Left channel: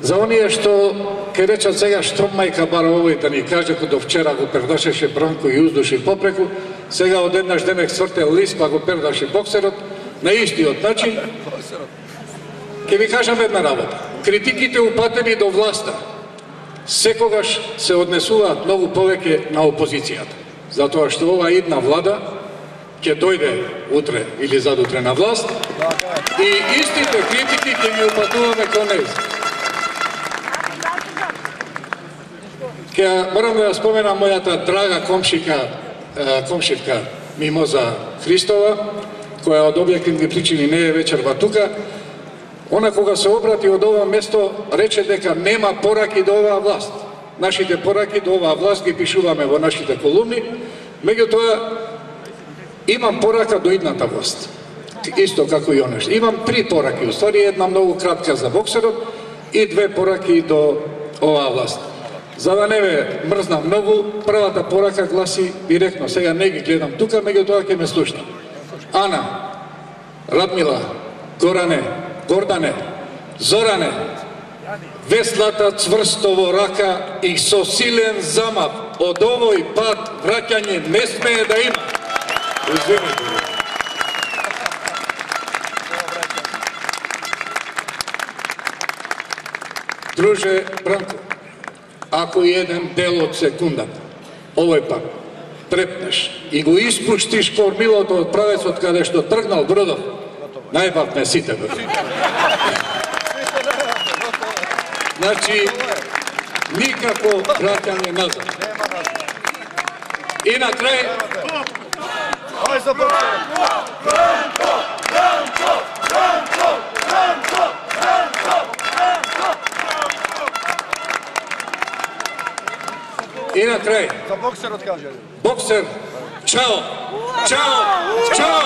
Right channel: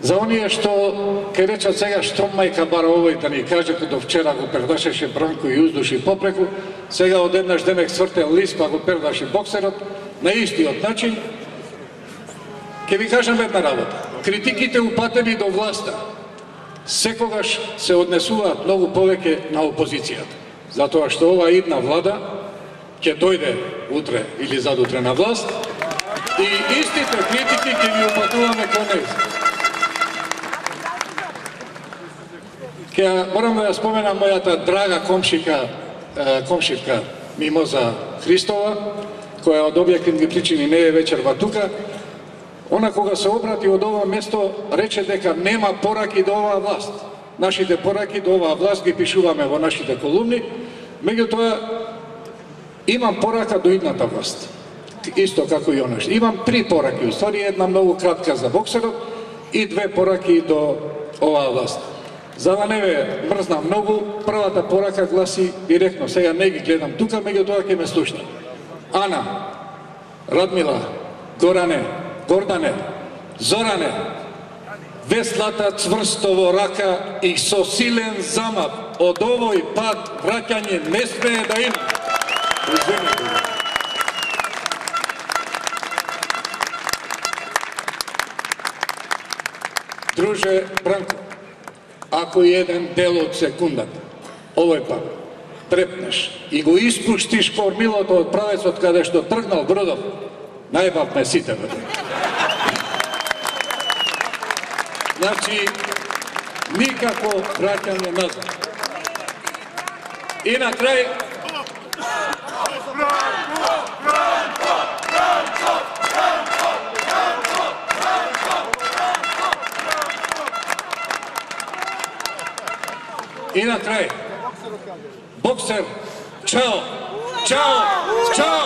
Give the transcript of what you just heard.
za onije što, kaj reća сега, što majka bar ovoj da ni kaže do včera go perdašеше Branko i uzduši popreku, сега odjednaš denek cvrte list pa go perdaši bokserot, na istиот начин. Ке ви кажам една работа. Критиките упатени до власта секогаш се однесуваат многу повеќе на опозицијата. Затоа што ова идна влада ќе дојде утре или задутре на власт и истите критики ќе ги упатуваме кон нејз. Ке морам да споменам мојата драга комшивка Мимоза Христова, која од објективни причини не е вечерва тука. Она кога се обрати од ова место рече дека нема пораки до оваа власт. Нашите пораки до оваа власт ги пишуваме во нашите колумни, меѓутоа имам порака до идната власт. Исто како и онешто. Имам 3 пораки, уствари една многу кратка за боксерот и 2 пораки до оваа власт. За да не ве мрзнам многу, првата порака гласи директно, сега не ги гледам тука, меѓутоа ќе ме слушна. Ана, Радмила, Горане, Гордане, Зоране, веслата цврсто во рака и со силен замав од овој пат враќање не смее да има. Извинете. Друже Бранко, ако еден дел од секундата, овој пат, препнеш и го испуштиш кормилото од правецот каде што тргнал бродов, најбав ме сите, бе. Значи, никако враќање назад. И на крај... И на крај... Боксер, чао! Чао! Чао!